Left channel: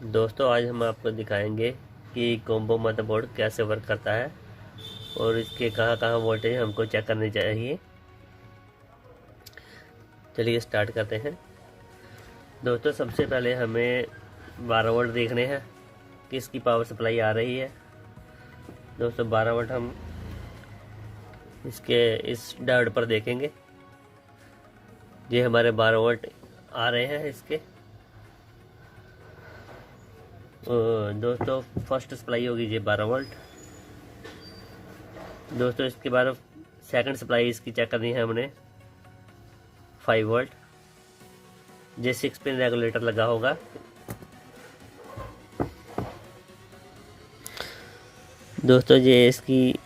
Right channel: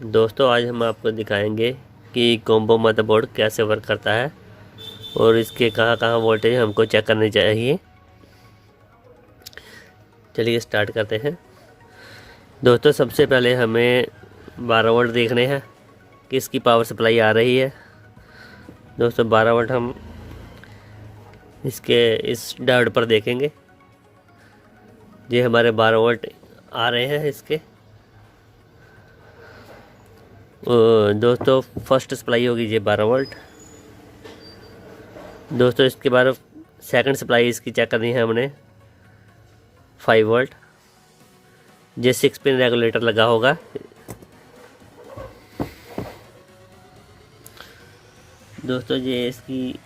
दोस्तों आज हम आपको दिखाएंगे कि कॉम्बो मदरबोर्ड कैसे वर्क करता है और इसके कहाँ कहाँ वोल्टेज हमको चेक करने चाहिए। चलिए स्टार्ट करते हैं। दोस्तों सबसे पहले हमें 12 वोल्ट देखने हैं कि इसकी पावर सप्लाई आ रही है। दोस्तों 12 वोल्ट हम इसके इस डायोड पर देखेंगे। ये हमारे 12 वोल्ट आ रहे हैं इसके। दोस्तों फर्स्ट सप्लाई होगी ये 12 वोल्ट। दोस्तों इसके बाद सेकंड सप्लाई इसकी चेक करनी है हमने 5 वोल्ट। ये 6 पिन रेगुलेटर लगा होगा। दोस्तों ये इसकी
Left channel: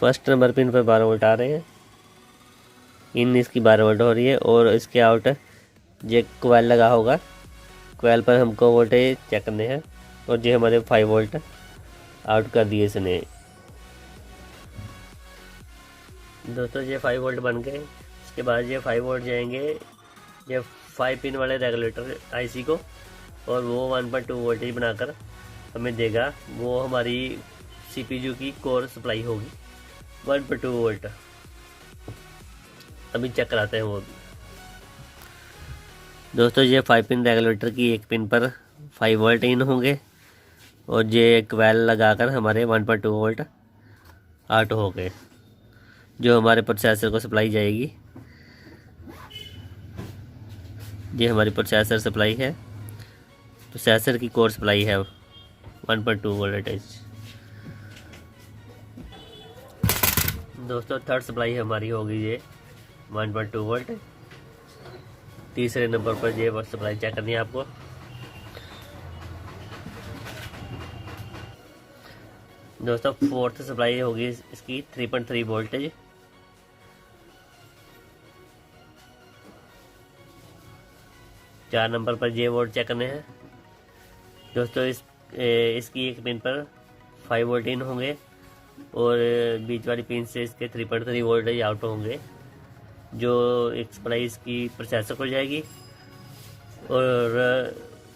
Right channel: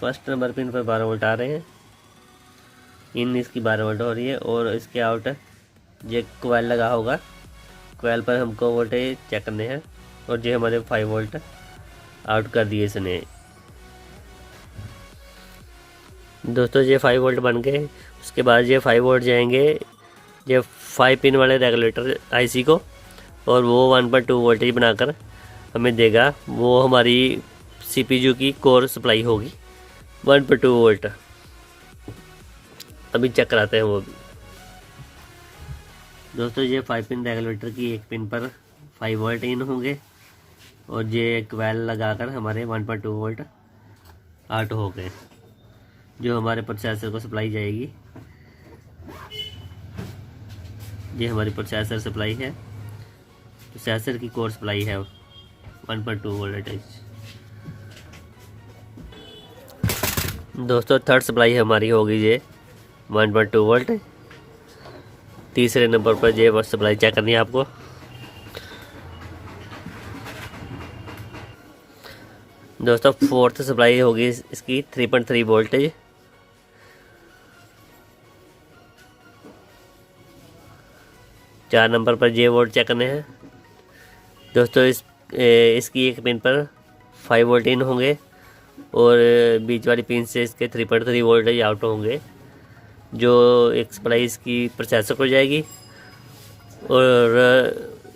फर्स्ट नंबर पिन पर 12 वोल्ट आ रहे हैं। इन इसकी 12 वोल्ट हो रही है और इसके आउट ये कोयल लगा होगा। कोयल पर हमको वोल्टेज चेक करने हैं और ये हमारे 5 वोल्ट आउट कर दिए इसने। दोस्तों ये 5 वोल्ट बन गए। उसके बाद ये 5 वोल्ट जाएंगे ये 5 पिन वाले रेगुलेटर आईसी को और वो 1.2 वोल्टेज बनाकर हमें देगा। वो हमारी सीपीयू की कोर सप्लाई होगी 1.2 वोल्ट। अभी चेक कराते हैं वो भी। दोस्तों ये 5 पिन रेगुलेटर की एक पिन पर 5 वोल्ट इन होंगे और ये क्वेल लगाकर हमारे 1.2 वोल्ट आउट हो गए, जो हमारे प्रोसेसर को सप्लाई जाएगी। ये हमारी प्रोसेसर सप्लाई है, प्रोसेसर की कोर सप्लाई है 1.2 वोल्टेज। दोस्तों थर्ड सप्लाई हमारी होगी ये 1.2 वोल्ट। तीसरे नंबर पर ये सप्लाई चेक करनी है आपको। दोस्तों फोर्थ सप्लाई होगी इसकी 3.3 वोल्टेज। चार नंबर पर ये वोल्ट चेक करने हैं। दोस्तों इसकी एक पिन पर 5 वोल्ट इन होंगे और बीच वाली पिन से इसके 3.3 वोल्टेज आउट होंगे, जो एक सप्लाई इसकी प्रोसेसर को जाएगी। और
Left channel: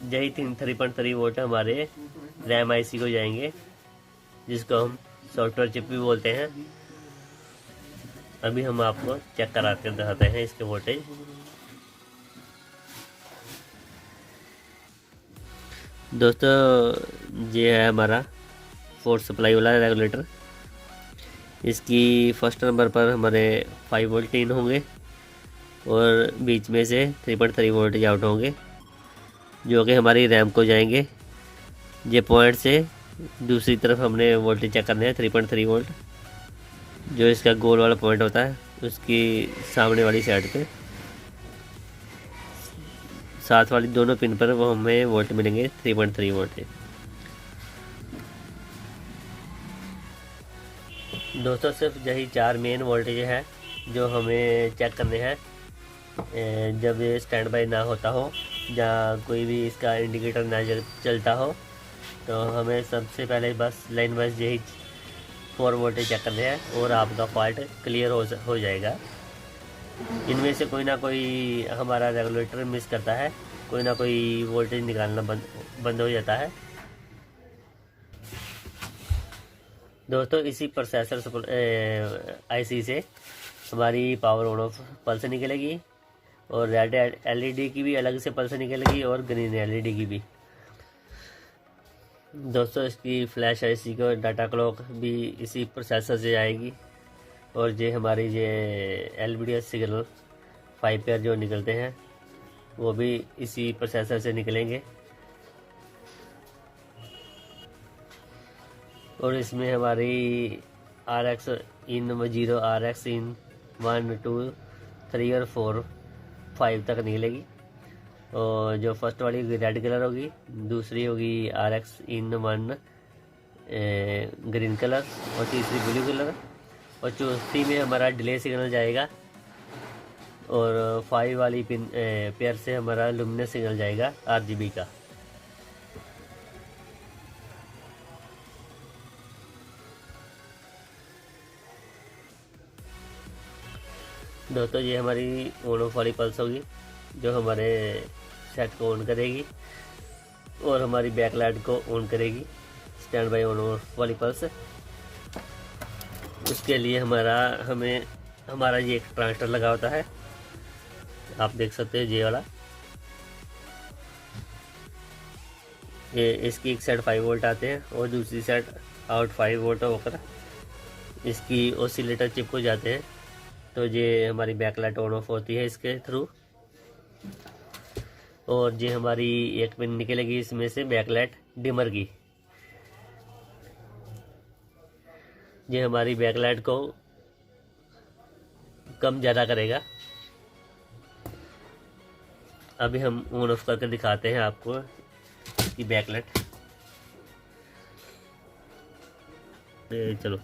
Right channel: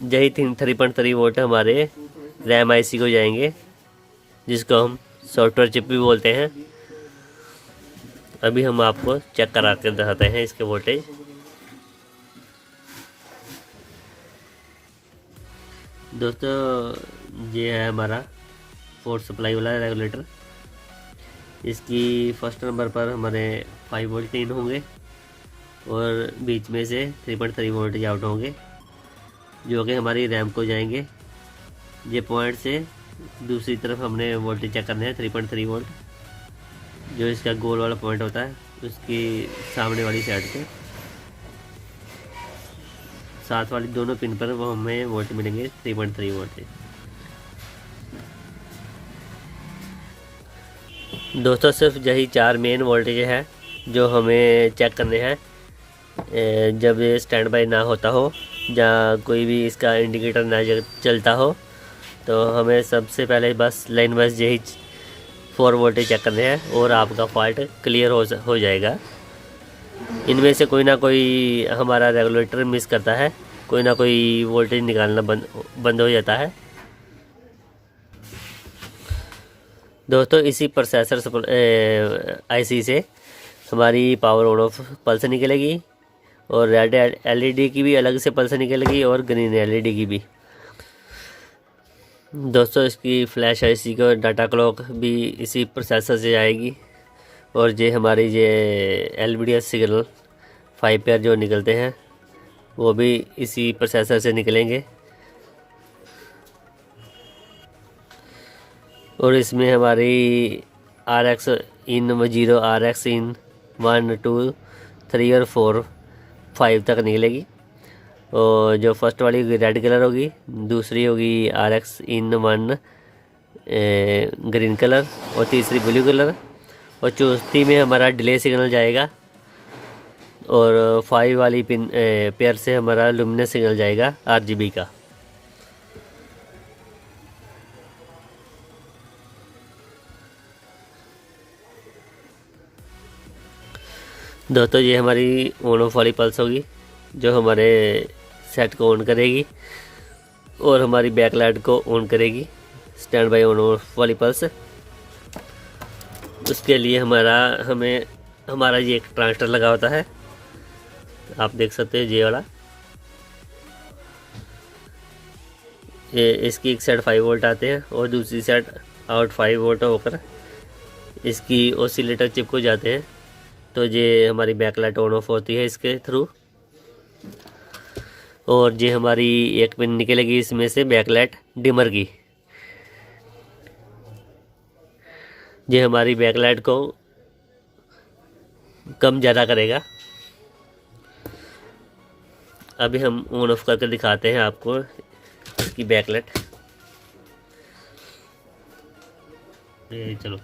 यही 3.3 वोल्ट हमारे रैम आईसी को जाएंगे, जिसको हम सॉफ्टवेयर चिप भी बोलते हैं। अभी हम आपको चेक करा के दिखाते हैं इसके वोल्टेज। दोस्तों ये है हमारा फोर्थ सप्लाई वाला रेगुलेटर। इसकी फर्स्ट नंबर पर हमारे 5 वोल्ट इन होंगे और बीच में से 3.3 वोल्टेज आउट होंगे, जो कि हमारी रैम को जाएंगे। ये पॉइंट से दूसरी तरफ हमने वोल्टेज चेक करने हैं 3.3 वोल्ट, जो इसका गोल वाला पॉइंट होता है उसकी सामने वाली साइड पे साथ वाली दोनों पिन पर वो हमें वोल्ट मिलेंगे 3.3 वोल्ट। दोस्तों सिर्फ यही 4 मेन वोल्टेज है जो हमें चेक करने हैं जब ये स्टैंड बाई ना होता हो, या कोई भी इसका इंडिकेटर ना चलता हो। तो हमें सबसे पहले बस लाइन वाइज यही 4 वोल्टेज चेक करने हैं और आपका फॉल्ट क्लियर हो जाएगा। इनमें से कोई ना कोई हमारा रेगुलेटर मिस करता है, कोई ना कोई वोल्टेज निकालना बंद हो जाता है। दोस्तों इसी प्रोसेसर आईसी से हमारी पावर ऑन ऑफ पल्स निकलेगी और रेड एलईडी की भी अलग से पल्स निकलेगी और ग्रीन एलईडी की भी। दोस्तों इसकी फ्लैश आईसी का डाटा क्लॉक भी इसी प्रोसेसर से आएगी और ये हमारी ये एलवीडीएस सिग्नल 5 पेयर जो निकलते हैं वो भी इसी प्रोसेसर से निकलेंगे। और इसमें हमारी RX इन 0, RX इन 1, 2, 3 और 4, 5 तक निकलेगी। और जो फर्स्ट वाली रेड कलर होगी, दूसरी होगी RX इन 1 ग्रीन कलर और तीसरी ब्लू कलर, और चौथी में हमारा डिले सिग्नल जाएगा और 5 वाली पिन पेयर से हमारा लुमिनस सिग्नल जाएगा RGB का। दोस्तों ये हमारी ऑन ऑफ वाली पल्स होगी जो हमारे सेट को ऑन करेगी। और हमारी बैक लाइट को ऑन करेगी, स्टैंड बाय ऑन ऑफ वाली पल्स। उसके लिए हमारा ये एक ट्रांजिस्टर लगा होता है, आप देख सकते हैं ये वाला। ये इसकी एक साइड 5 वोल्ट आते हैं और दूसरी साइड आउट 5 वोल्ट होकर इसकी ऑसिलेटर चिप को जाते हैं। तो ये हमारी बैक लाइट ऑन ऑफ होती है इसके थ्रू। और ये हमारी एक पिन निकलेगी इसमें से बैक लाइट डिमर की। ये हमारी बैक लाइट को कम ज़्यादा करेगा। अभी हम ऑन ऑफ करके दिखाते हैं आपको इसकी बैक लाइट। चलो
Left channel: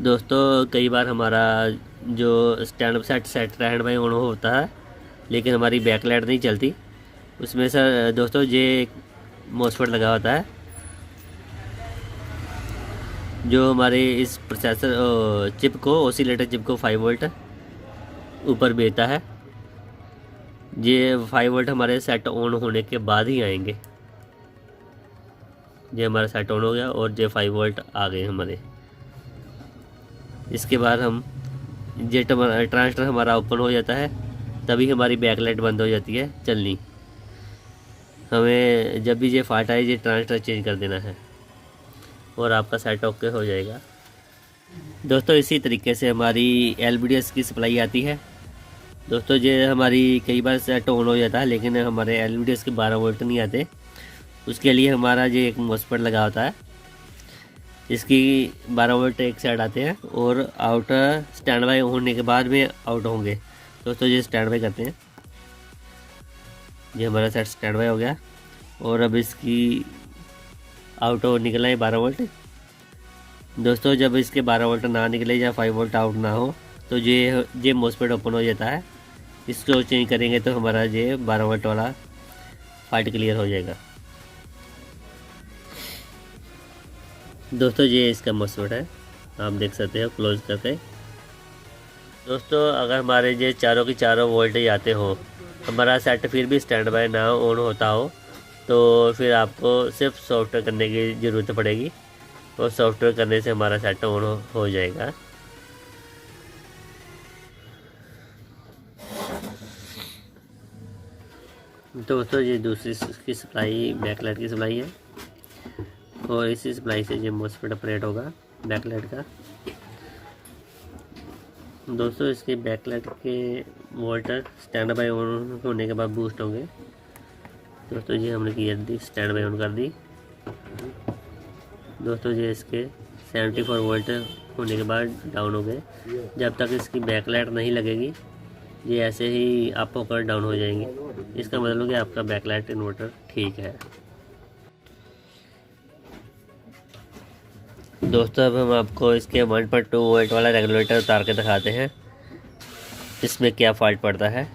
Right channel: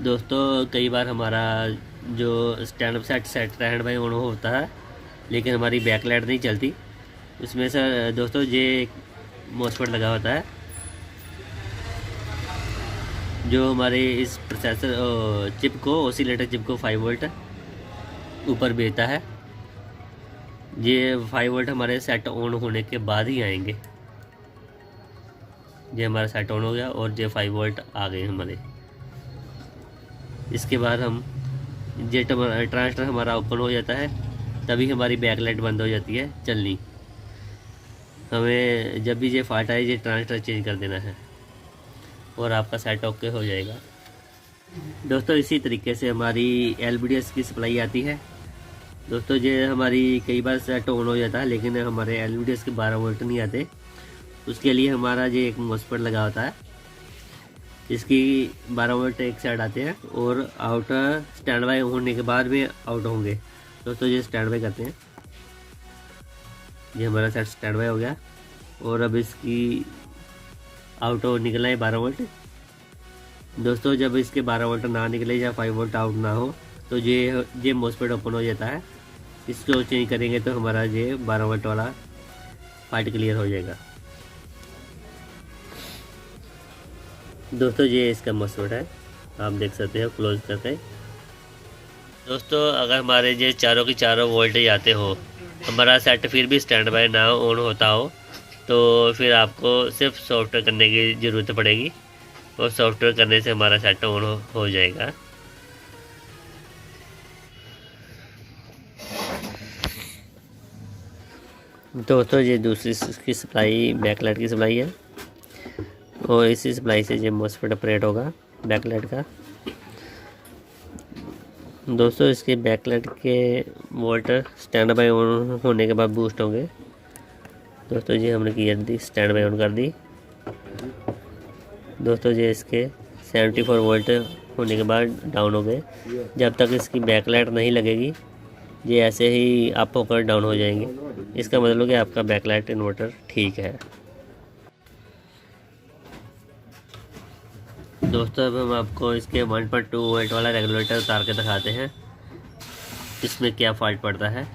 दोस्तों, कई बार हमारा जो stand up stand by on होता है लेकिन हमारी बैक लाइट नहीं चलती। उसमें सर दोस्तों ये मॉसफेट लगा होता है जो हमारे इस प्रोसेसर चिप को, ऑसिलेटर चिप को 5 वोल्ट ऊपर भेजता है। ये 5 वोल्ट हमारे सेट ऑन होने के बाद ही आएंगे। ये हमारा सेट ऑन हो गया और ये 5 वोल्ट आ गए हमारे। इसके बाद हम ये ट्रांजिस्टर हमारा ओपन हो जाता है, तभी हमारी बैक लाइट बंद हो जाती है चलनी। हमें जब भी ये फाल्ट आए ये ट्रांजिस्टर चेंज कर देना है और आपका सेट ओके हो जाएगा। दोस्तों इसी तरीके से हमारी LVDS की सप्लाई आती है। दोस्तों ये हमारी कई बार सेट ऑन हो जाता है लेकिन हमारे LVDS के 12 वोल्ट नहीं आते। उसके लिए हमारा ये एक मॉसफेट लगा होता है, इसकी 12 वोल्ट एक साइड आते हैं और आउटर स्टैंड बाय होने के बाद में आउट होंगे। दोस्तों ये स्टैंड बाय करते हैं। ये हमारा सेट स्टैंड बाय हो गया और अब इसकी आउट निकला है 12 वोल्ट। दोस्तों जब इसके 12 वोल्ट ना निकले या 5 वोल्ट आउट ना हो तो ये मॉसफेट ओपन हो जाता है। इसको चेंज करेंगे तो हमारा ये 12 वोल्ट वाला पार्ट क्लियर हो जाएगा। दोस्तों ये इसका मॉसफेट है, आप देख सकते हो क्लोज करके। दोस्तों अगर हमारे ये चारों की चारों वोल्टेज आते हो, हमारा सेट फिर भी स्टैंड बाय ना ऑन होता हो, तो फिर आपको सिर्फ सॉफ्टवेयर करने की ज़रूरत पड़ेगी और सॉफ्टवेयर करने से हमारा सेट ऑन हो जाएगा। दोस्तों ये दूसरी की सप्लाई बैकलाइट की सप्लाई है और इसी सप्लाई से ये मॉसफेट ऑपरेट होगा बैकलाइट का। दोस्तों इसके बैकलाइट के वोल्टेज स्टैंड बाय ऑन होने के बाद बूस्ट होंगे। दोस्तों ये हमने की दी, स्टैंड बाय ऑन कर दी। दोस्तों ये इसके 74 वोल्ट होने के बाद डाउन हो गए। जब तक इसकी बैकलाइट नहीं लगेगी ये ऐसे ही अप होकर डाउन हो जाएंगे। इसका मतलब कि आपका बैकलाइट इन्वर्टर ठीक है। दोस्तों अब हम आपको इसके 1.2 वोल्ट वाला रेगुलेटर उतार के दिखाते हैं इसमें क्या फॉल्ट पड़ता है,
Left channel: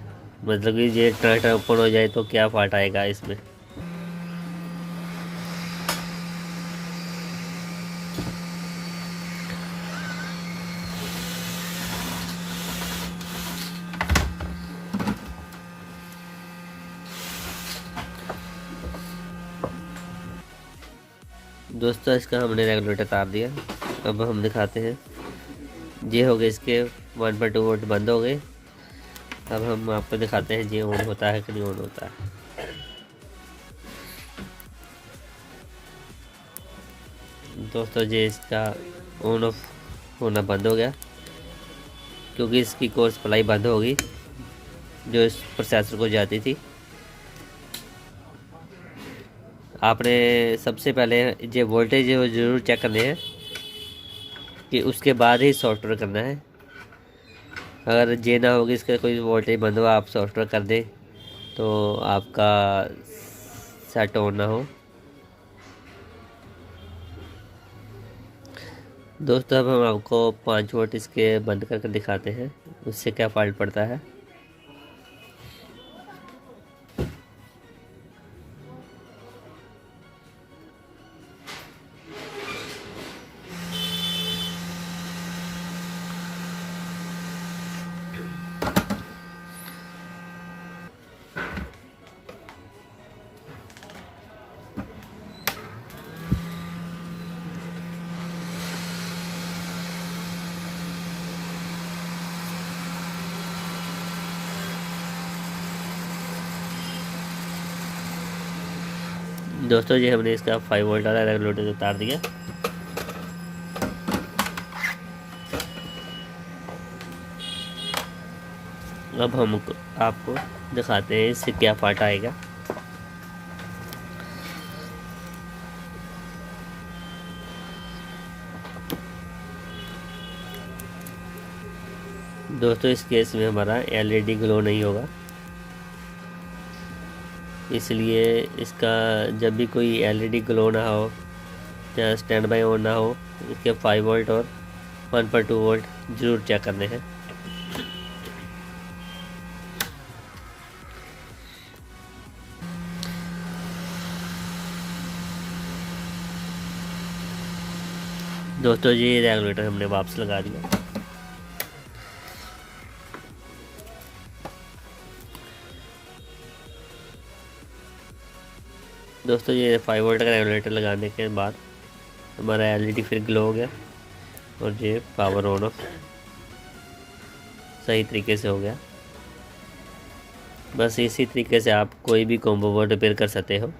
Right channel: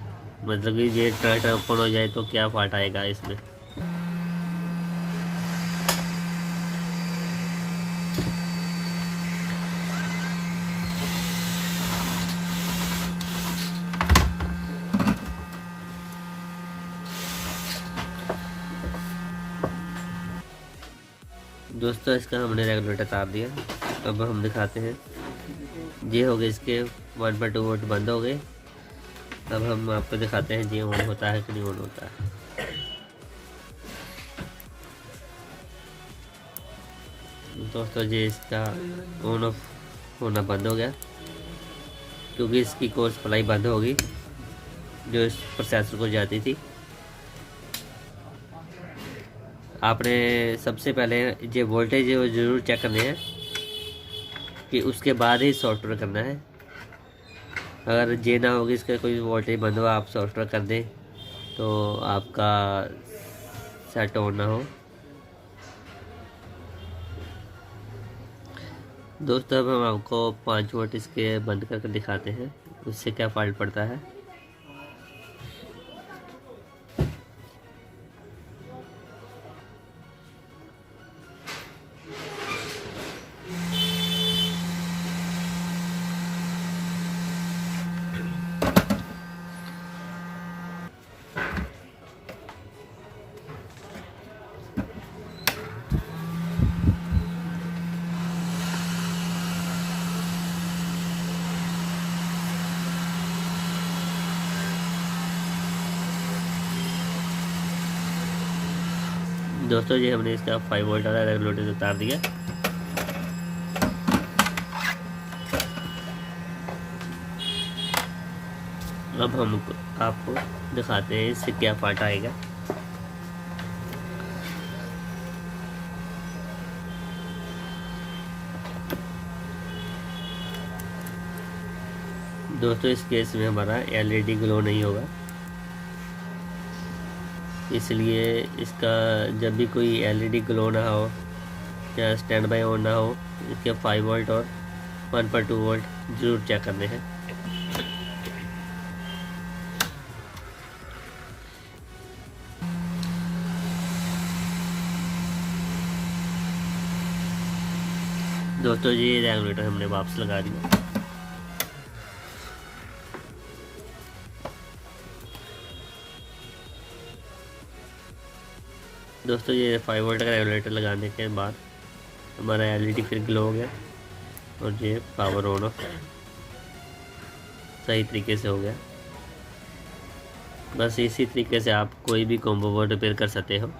मतलब कि ये ट्रांजिस्टर ओपन हो जाए तो क्या फॉल्ट आएगा इसमें। दोस्तों इसका हमने रेगुलेटर तार दिया। अब हम दिखाते हैं, ये हो गए इसके 1.2 वोल्ट बंद हो गए। अब हम आपको दिखाते हैं ये ऑन होता है कि नहीं ऑन होता है। दोस्तों ये इसका ऑन ऑफ होना बंद हो गया क्योंकि इसकी कोर सप्लाई बंद होगी जो इस प्रोसेसर को जाती थी। आपने सबसे पहले ये वोल्टेज वो ज़रूर चेक करने हैं कि उसके बाद ही सॉफ्टवेयर करना है। अगर ये ना होगी इसका कोई वोल्टेज बंद हो आप सॉफ्टवेयर कर दें तो आपका सेट ऑन ना हो। दोस्तों अब हम आपको 5 वोल्ट इसके बंद करके दिखाते हैं उससे क्या फॉल्ट पड़ता है। दोस्तों जी हमने इसका 5 वोल्ट वाला रेगुलेटर उतार दिया। अब हम आपको दिखाते हैं इससे क्या फाल्ट आएगा। दोस्तों इस केस में हमारा एलईडी ग्लो नहीं होगा, इसलिए इसका जब भी कोई एलईडी ग्लो ना हो या स्टैंड बाई ऑन ना हो, इसके 5 वोल्ट और 1.2 वोल्ट जरूर चेक करने हैं। दोस्तों जी रेगुलेटर हमने वापस लगा दिया। दोस्तों ये 5 वोल्ट का रेगुलेटर लगाने के बाद हमारा एलईडी फिर ग्लो हो गया और ये पावर ऑन ऑफ सही तरीके से हो गया। बस इसी तरीके से आप कोई भी कॉम्बो बोर्ड रिपेयर कर सकते हो।